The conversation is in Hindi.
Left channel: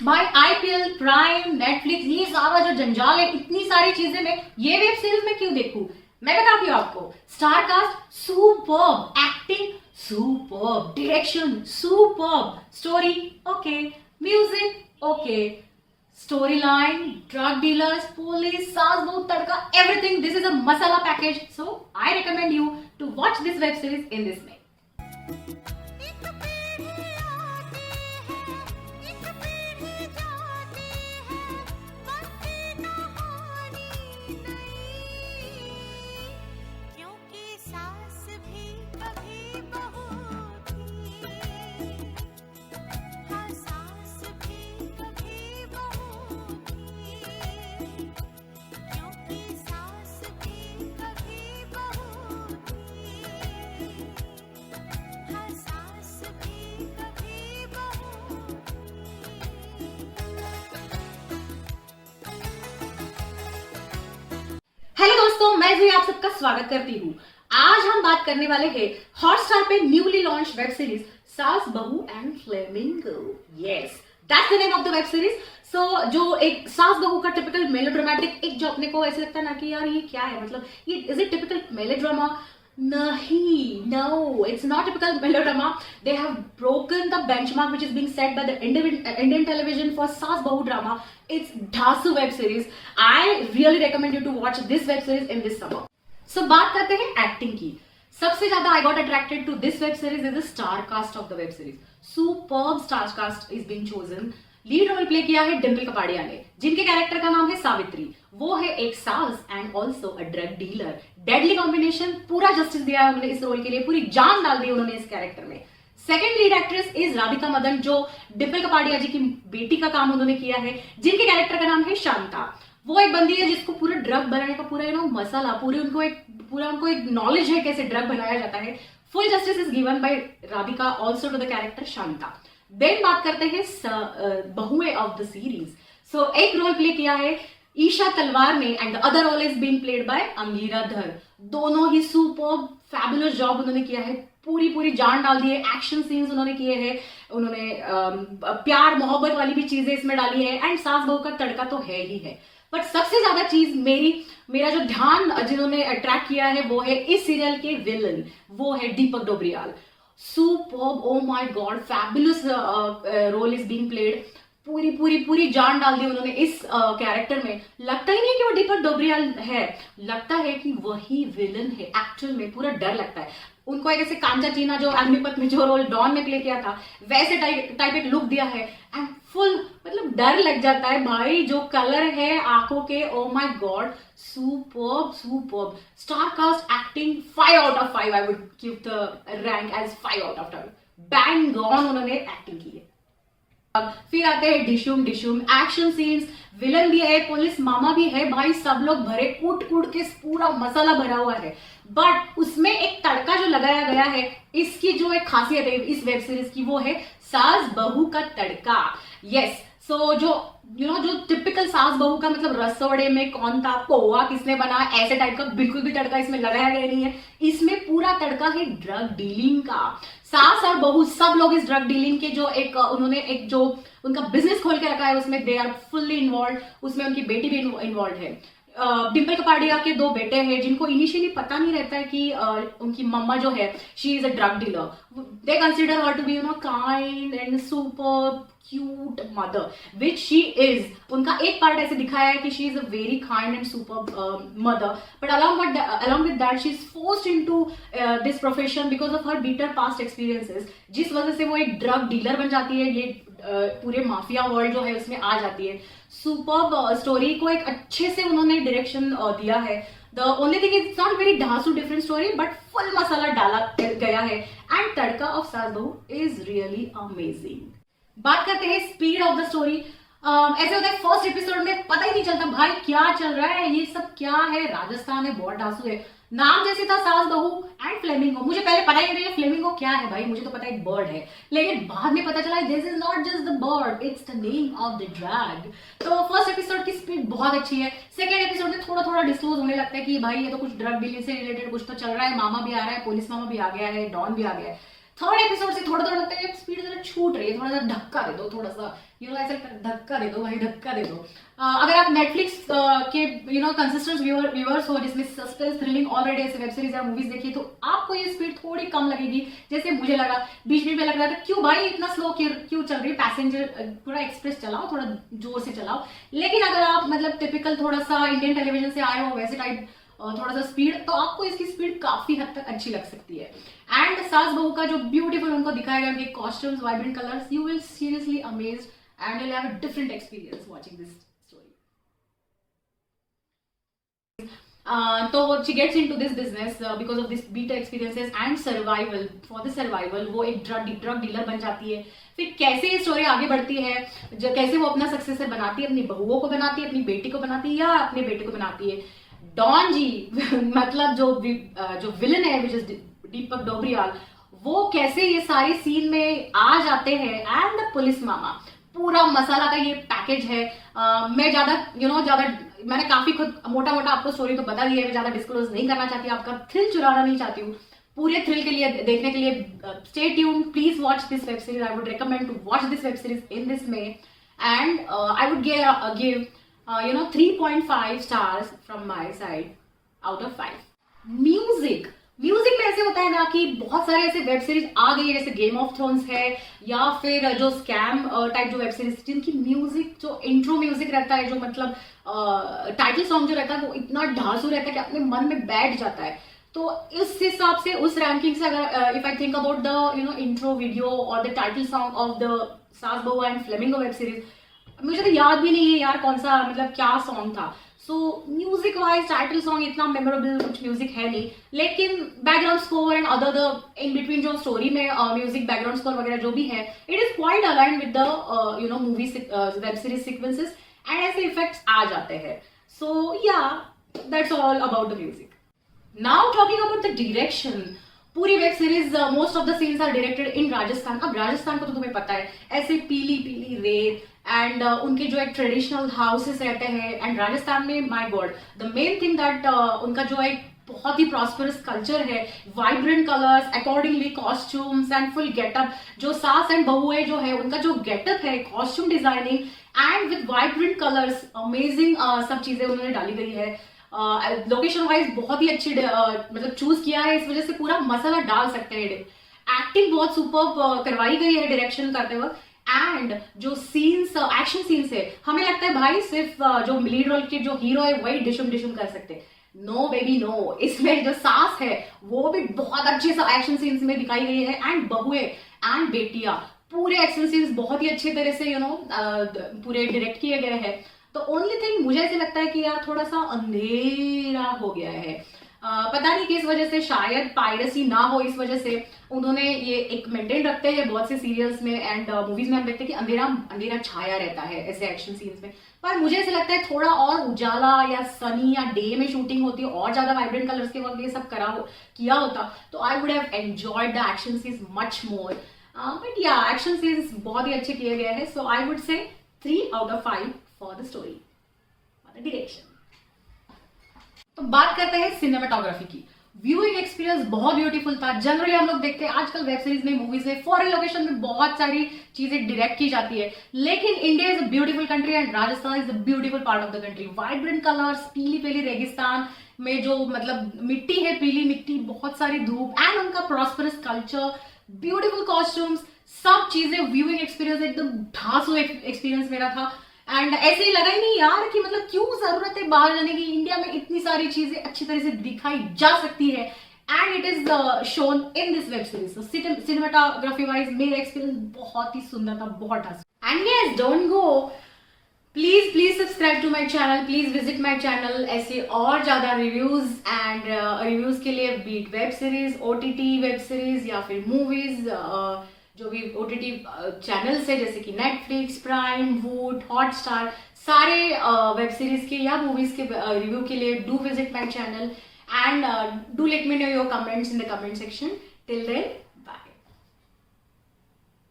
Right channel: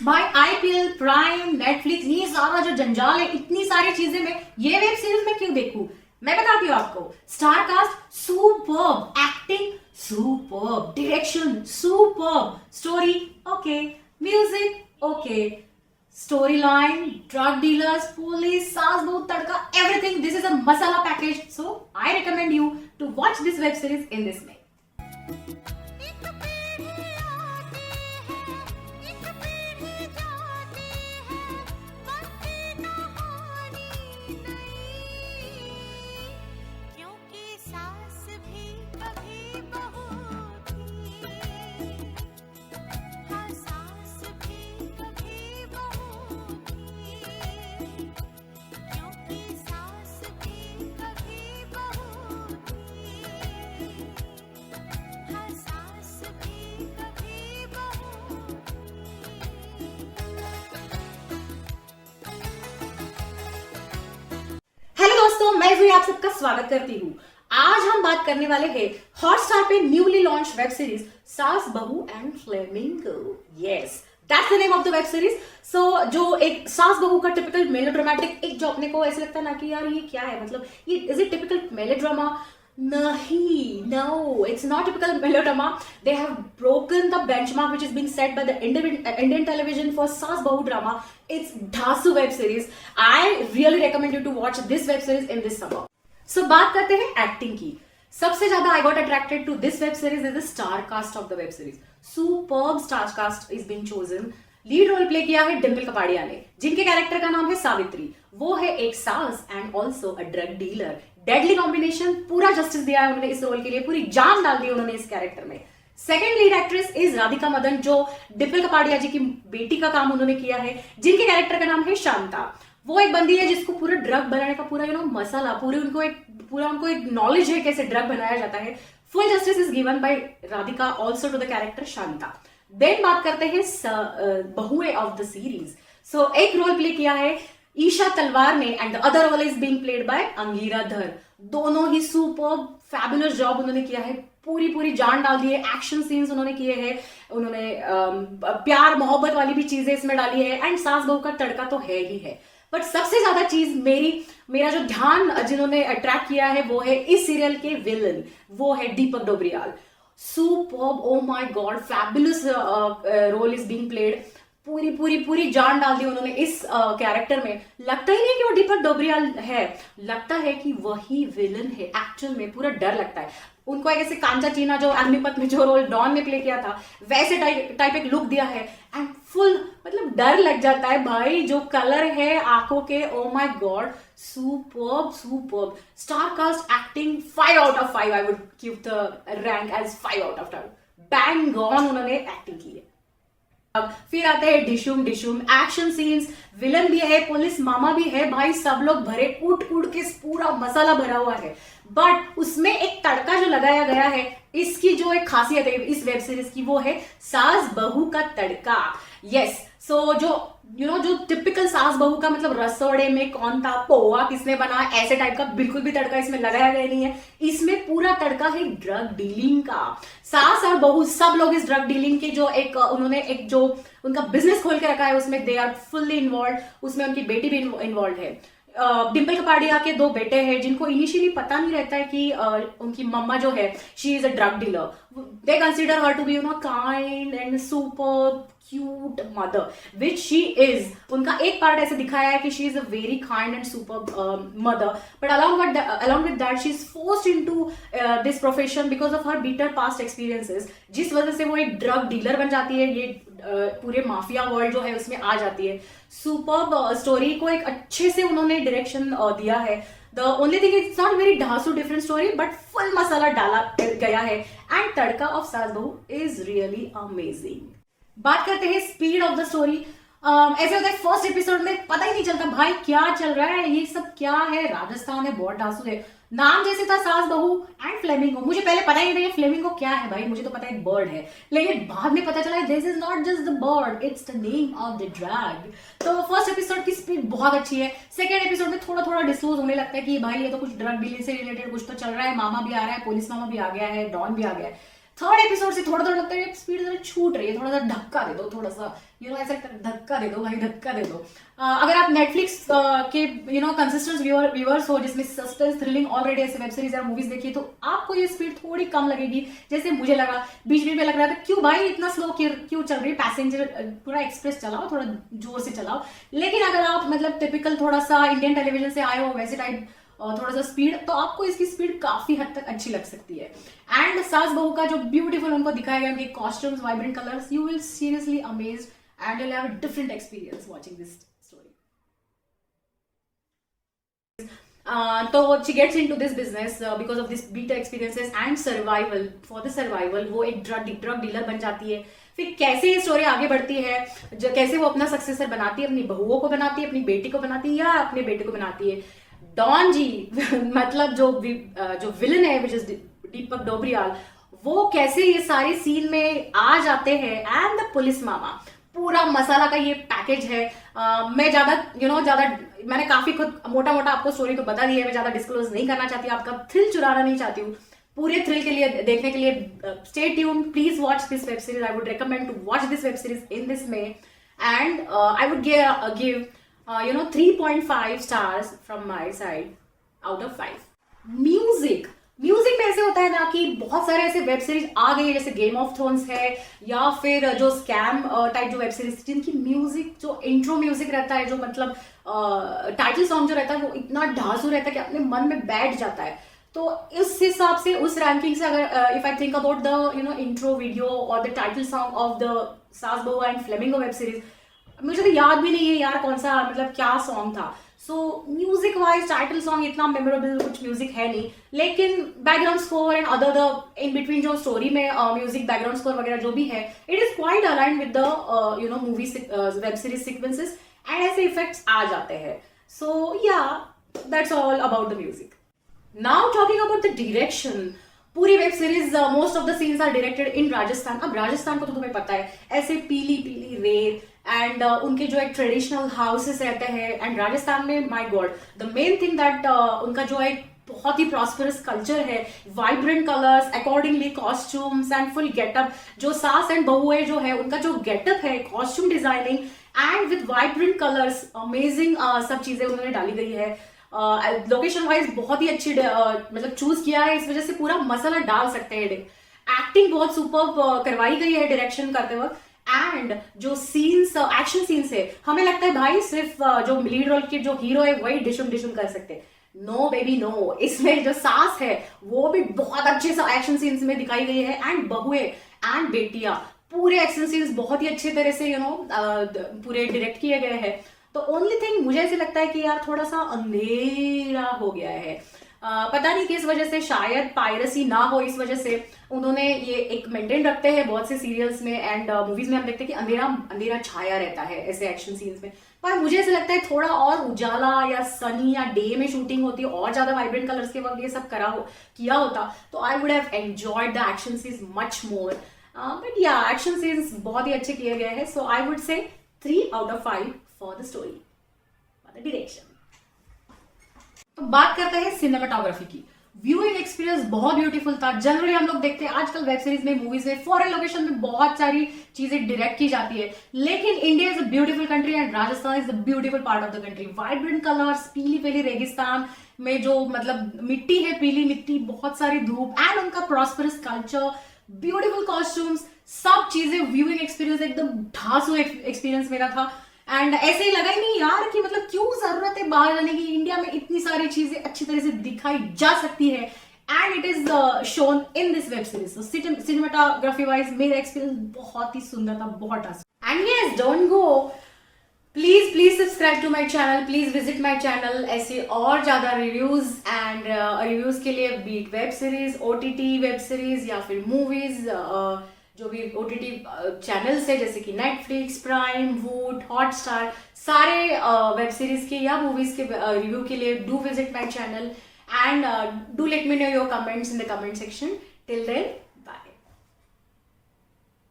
भाई आईपीएल, प्राइम, नेटफ्लिक्स, ये सारा जो जंजाल है, इतनी सारी चीजें मैं ये वेब सीरीज में क्यों देखूं? मैं बताती हूँ आपको। Star cast superb, acting superb, direction superb, story okay, music okay, story line, drug dealers, police, सास बहू तड़का, everything, this is a masala package. So I recommend you to watch this web series in this way. एक पीढ़ी आती है, एक पीढ़ी जाती है, बनती कहानी नई। क्योंकि सास भी कभी बहू थी, हाँ सास भी कभी बहू थी। क्योंकि सास भी कभी बहू थी, हाँ सास भी कभी बहू हेलो दोस्तों, मैं जुई आप सबका स्वागत करती हूँ। आज हम बात करने वाले हैं हॉटस्टार पे newly launch web series Saas Bahu and flamingo. Yes, that's the name of the web series. So जो एक सास बहू का टिपिकल मेलोड्रामेटिक, एक जो अपने को ऐसे लगता है ना कि यार ये क्या है, मतलब ये is it typical melodrama? Nahi, no, it's not typical melodrama. They have broken the benchmark which is being set by the Indian television for Saas Bahu drama. It's Dhasu web series. I really recommend you to watch this web series in this summer. So बात करते हैं एक्टिंग की। सबसे ज्यादा I got attracted to this web series is the star cast of the web series. Superb star cast is being chosen. Lead role play किया है डिम्पल कपाड़िया ने, जिनके कैरेक्टर का नाम है सावित्री। वो है एक सास and also a drug dealer. Deadly combination, पूरा जस्टिस दिया है उन्होंने इस रोल के लिए, पूरी जान डाल दी उन्होंने इस कैरेक्टर में। Second lead actress is Radhika Madan, जो डिम्पल कपाड़िया जी की बेटी का काम उन्होंने किया है, जिनके कैरेक्टर का नाम है शांता। वो एक बंदी है जिसको पूरा ड्रग बनाने का पूरा मसाला, उनको एक नॉलेज है कैसे ड्रग बनाया जाता है। Full justice is given by Radhika also to the character Shanta. Then बात करते हैं बहुए ऑफ द सीरीज। सो एक रोल प्ले किया है ईशा तलवार ने and the other role is being played by Angira Dhar. दोनों ही सुपर्ब फैबुलस जॉब उन्होंने किया है, पूरी जान डाल दी है। एक्शन सीन्स उन्होंने किए हैं, उन्होंने प्यार मोहब्बत वाली भी चीजें इसमें डाली है, एंड सास बहू का तड़का तो है ही है। बट सबसे ज्यादा चीज मेरा जो ध्यान जिन्होंने अट्रैक्ट किया है वो है इस सीरियल के विलन, वो है Deepak Dobriyal. Superb, oh my god, fabulous role is being played. पूरी जान डाल दी उन्होंने इस कैरेक्टर में। लगता ही नहीं कि वो दीपक डोबरियाल है, लगता है कि वही विलन है एक्चुअल में। पूरा डर लगता है उनको, एक ऐसे कांचा चीना जो अग्निपथ में जो रोल डॉन में प्ले किया था वैसे टाइप एक लुक दिया है, एंड फुल मतलब डर लग जाता है भाई। जो कलर है आंखों के, oh my God, superb. Star cast acting 5 out of 5, I would give the rank as 5 out of 10। Bang on उन्होंने एक्टिंग की है। अब फिर आते हैं डिशुम एक्शन सीन्स, विलन भी है, पुलिस मामा भी है भाई, सब लोग भरे कूट के पूरा मसाला भरा हुआ है। बट उसमें एक तड़का जो लगाया गया है, इसकी जो एक खासियत है इस वेब सीरीज की, वो है सास बहू का तड़का। यस, सो जो टिपिकल सास बहू का, मतलब रसोड़े में कौन था, पोहा किसने बना, ऐसे टाइप का बिल्कुल भी तड़का इसमें लगाया गया नहीं है। इसमें पूरा तड़का है ड्रग डीलिंग का। सास और बहू सब लोग इस ड्रग डीलिंग के जो उन्होंने एक जो उनका बिजनेस खोल के रखा है, उसमें दे आर फुल्ली इन्वॉल्व। उसमें उनकी बेटी भी इन्वॉल्व है। डिम्पल कपाड़िया के 2 बेटे हैं जिनको इनिशियली पता नहीं रहता है कि उनकी मम्मा जो है she is a drug dealer. They consider her to be kind and super cute mother, which she is. उनका एक पार्ट ऐसे दिखाया है कि she is a very kind and super mother, but along with that she is forced into this profession because of her bitter past experiences, जिस वजह से वो एक ड्रग डीलर बन जाती है। ये पूरे माफिया वर्ल्ड जो है उसमें आ जाती है। सुपर्ब स्टोरी को एक अच्छे से उन्होंने डायरेक्शन दिया है। The only thing it's not very ढांसू different story, but full masala डाला गया है, एंड तड़का ऑफ सास बहू इज रियली अमेजिंग। बात करते हैं स्पीड ऑफ द स्टोरी। ऐसे होता है फर्स्ट एपिसोड में पता ही नहीं चलता भाई क्या चल रहा है, ये सब क्या है, राजस्थान है, बहुत ढांसू है। नाम जैसे था सास बहू एंड फ्लेमिंगो, मुझे पहले पता ही नहीं फ्लेमिंगो क्या है भाई, मुझे तो पता है एक बर्ड है, लेकिन बाद में पता चला this is not just the bird, it's the name of the drug. तो फर्स्ट एपिसोड की स्पीड बहुत अच्छी है। सेकंड एपिसोड में थोड़ा डिस्क्लोज होने लगता है कि भाई ये तो कुछ ड्रग डीलिंग से रिलेटेड कुछ तो चल रहा है, मामा भी आ रहा है, पुलिस मामा भी आ गया है, डॉन भी आ गया है। थर्ड एपिसोड से थोड़ा लगता है स्पीड जरा छूट रही है, थोड़ा सा धक्का दे दो, थोड़ा सा ऐसा लगता है धक्का दे दो भाई, धक्का दे दो। अगर आप नेटफ्लिक्स के कंसिस्टेंट व्यूअर्स हो, जिसमें सस्पेंस, थ्रिलिंग ऑलरेडी ऐसे वेब सीरीज या मूवीज देखी, तो आपको ये स्पीड थोड़ी कम लगेगी, जैसे मुझे लगा। बीच बीच में लग रहा था क्यों भाई इतना स्लो क्यों चल रही है, पैसेंजर थोड़ा एक्सप्रेस चलाओ, थोड़ा जोर से चलाओ। लेकिन अगर आप मतलब टिपिकल थोड़ा सा इंडियन टेलीविजन से आए हो वैसे टाइप थोड़ा सा स्पीड, तो आपको इसकी स्पीड काफी हद तक अच्छी लग सकती है। एंड सास बहू का जो ब्यूटीफुल उनको दिखाया गया, उनके costumes, vibrant colours, you will seriously amazed and you'll have a different experience watching this story. So she gets into this business because of this bitter experiences and survival. For the survival वो एक ड्रग डीलर बन जाती है। फिर कैसे ये स्टोरी आगे बढ़ती है, जो कैसे वो अपना सक्सेसर बनाती है, अपनी बहुओं को बनाती है, अपनी बेटी को बनाती है, या अपने बेटे को बनाती है। डॉन जी मतलब जो विलन है विच इज दीपक डोबरियाल, वो कैसे ये सारी सीन में आ जाते हैं, एंड द पुलिस मामा, पूरा मसाला का ये पैकेज है। मैं ज्यादा मैंने काफी खुद मोटा मोटा आपको स्टोरी को बता दिया है, मैं ज्यादा डिस्क्लोज नहीं करना चाहती, आपका थ्रिल चुराना नहीं चाहती हूँ। पूरे थ्रिल के लिए देखने के लिए stay tune, please watch this web series. I would recommend to watch this web series in this May, and I would give 3.5 stars from my side out of 5. Music में ऐसे होता है ना कि बहुत सारे ऐसे वेब सीरीज आ गई है, जैसे गेम ऑफ थ्रोन्स है, या फिर जो स्कैम टाइप जो वेब सीरीज, जिनकी म्यूजिक, जो इंट्रो म्यूजिक रहता है, जो मतलब टाइटल सॉन्ग जो रहता है, वो इतना ढांसू रहता है कि अपने मन में बैठ जाता है। तो इस हिसाब से, उस रैंकिंग से, अगर if I think about the intro video और the title song of the Saas Bahu and flamingo web series, मुझे तो याद भी नहीं है यार कौन सा, मतलब क्या सॉन्ग था। So music wise title song इतना मेमोरेबल कुछ म्यूजिक है नहीं, लेकिन background score and other the in between जो स्टोरी में म्यूजिक बैकग्राउंड स्कोर वगैरह जो भी है, it is quite align with the movie web series sequences, and ऐसे इफेक्ट्स आ जाते हैं। So yeah that's all about the music. Now talking about the direction, पूरी web series most of the scenes are directed in Rajasthan. अब राजस्थान को तो तुम्हें पता है, ऐसे पीली पीली रेत, एंड उनके जो एक ट्रेडिशनल हाउसेस रहते हैं, एंड राजस्थान में my God the main thing that उनका जो एक बहुत ही प्रॉस्परस कल्चर है, vibrant colours, accordingly costumes and full getup. जो सास एंड बहुएं जो है, उनका जो गेटअप है, costume designing and with vibrant colours, amazing सब चीजें उन्होंने डाली गई है। लोकेशन वाइज बहुत ही अच्छी मतलब चूज किया है, इस वजह से पूरा मसाला डाल सकते हैं। एक्टिंग बहुत सुपर करवाई गई है डायरेक्शन करते वक्त, एंड जो सीन्स, एक्शन सीन्स है, हमें लगता है भाई सिर्फ जो लीड रोल के जो हीरो है वही डिशुम डिशुम कर सकते। नो बेबी नो, इसमें जो सास है वो भी बहुत अच्छे से एक्शन सीन्स में दिखाई गई है, एंड बहुएं एंड बेटियां, पूरे एक्शन सीन्स बहुत ही अच्छे तरह से पूरे डायरेक्ट किए गए हैं। तो ओनली थिंग मुझे ऐसे लगता है कि यार थोड़ा सा अंधेरा हो गया है, पता नहीं किस वजह से, शायद पायरेसी ना हो इस वजह से उन्होंने ये एक मेंटेन रखते हैं बहुत से सीरियल्स में एंड मूवीज में। हम देखते हैं कि अंधेरा अंधेरा छाया रहता है ऐसे एक्शन सीन्स में, पर मुझे ऐसे लगता है थोड़ा और उजाला या सनी या डे में शूटिंग होती है और ज्यादा वाइब्रेंट कलर्स के वक्त ये सब किया होता, तो I would have enjoyed the action scenes much more. But या एक्शन सीन्स बहुत ही अच्छे किए गए हैं, सो I would say 3 out of 5 for the story, for the direction. तो बात करते हैं सिनेमाटोग्राफी की। व्यूइंग एक्सपीरियंस बहुत ब्यूटीफुल था। जनरली हम लोग देखते हैं आजकल वेब सीरीज में, मूवीज में, फॉरेन लोकेशन में बहुत सारी चीजें डायरेक्ट की जाती है, लेकिन India is a beautiful country and Rajasthan is the beautiful part of the country. Vibrant colours, पीली पीली रेगिस्तान में जो मतलब मिट्टी है, पीली मिट्टी, बहुत सारी धूप, एंड उनका प्रॉस्परस कल्चर, ब्यूटीफुल कॉस्ट्यूम्स, सब चीजें, व्यूइंग एक्सपीरियंस एकदम ढांसू एक्सपीरियंस मेरा था। एंड ऐसे ही लगा ही नहीं यार कि मतलब क्यों जरूरत है बाहर जाने की, इंडिया में इतनी सारी चीजें अच्छी तरह से दिखाई जा सकती है, and it is shown in this web series. Cinematography wise मेरा एक्सपीरियंस बहुत ही सुंदर था, बहुत अच्छा। And yes, don't go, please subscribe to my channel, please visit my channel. ऐसे और ज्यादा रिव्यूज एंड रिव्यूज के लिए, be it web series, OTT web series या फिर मूवीज, जो भी OTT चैनल्स है जैसे कि नेटफ्लिक्स, प्राइम, वूट, हॉटस्टार, सारे वेब सीरीज के या मूवीज के रिव्यू के लिए do visit my channel and do let me know your comments in the comment section. Till then